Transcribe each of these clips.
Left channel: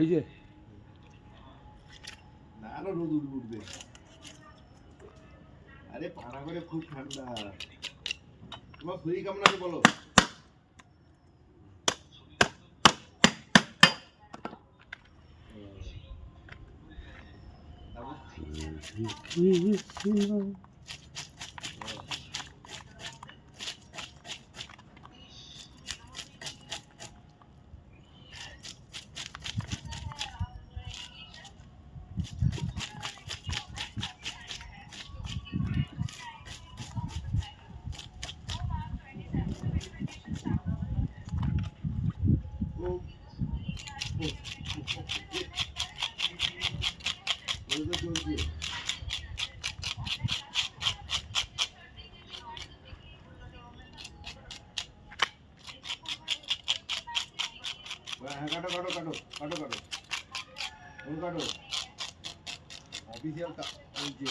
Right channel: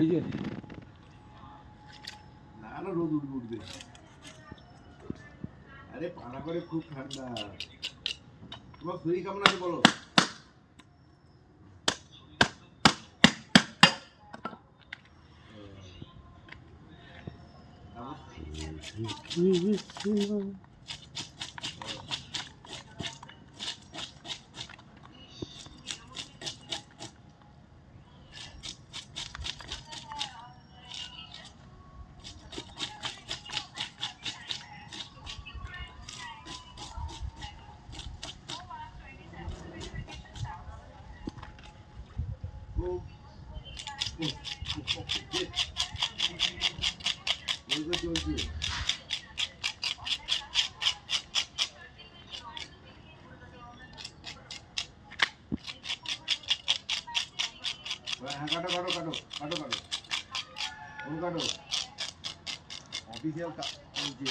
এই যে না না রোদ উঠবে। আরে পানা করে খুব ঠান্ডা। তোমার শরীর কেমন আছে বলো? হ্যাঁ কাটো কাটো কাটো কাটো কাটো ফোন কাটো অফিসিয়াল যে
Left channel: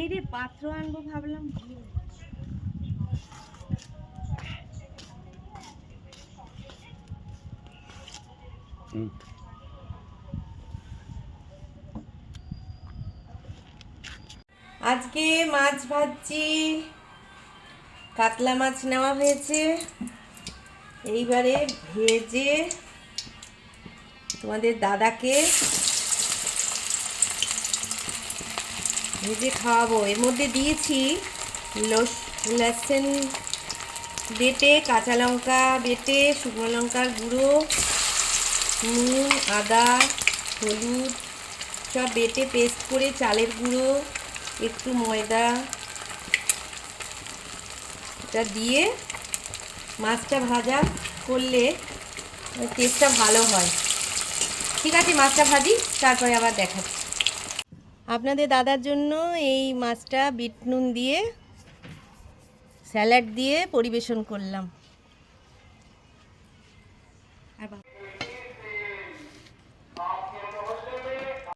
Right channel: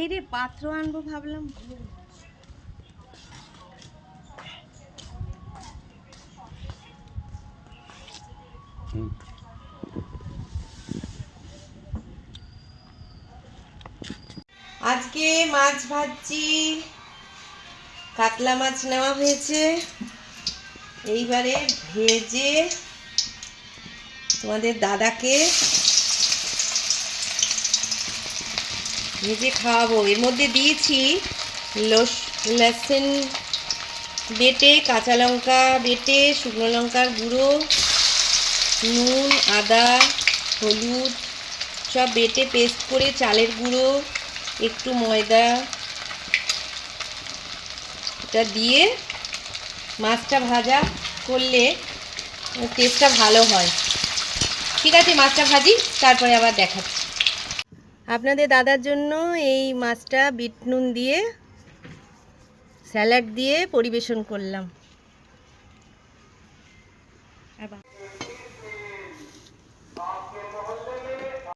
এই রে পাত্র আনবো ভাবলাম। আজকে মাছ ভাজছি, কাতলা মাছ নেওয়া হয়েছে। এইবারে ভেজে তোমাদের দাদাকে ভেজে খাওয়াবো। এর মধ্যে দিয়েছি লসুন বেটে, কাঁচা লঙ্কা বেটে, শুকনো লঙ্কার গুঁড়ো, নুন, আদা, হলুদ সব বেটে পেস্ট করে, চালের গুঁড়ো, একটু ময়দা, এটা দিয়ে মাছটা ভাজা করলে টেস্টটা ভালো হয়। ঠিক আছে, মাছটা ভাজি, তারপরে আবার দেখাচ্ছি। আপনাদের দাদার জন্য এই মাছটা বিট নুন দিয়ে স্যালাড দিয়ে পরিবেশন করলাম।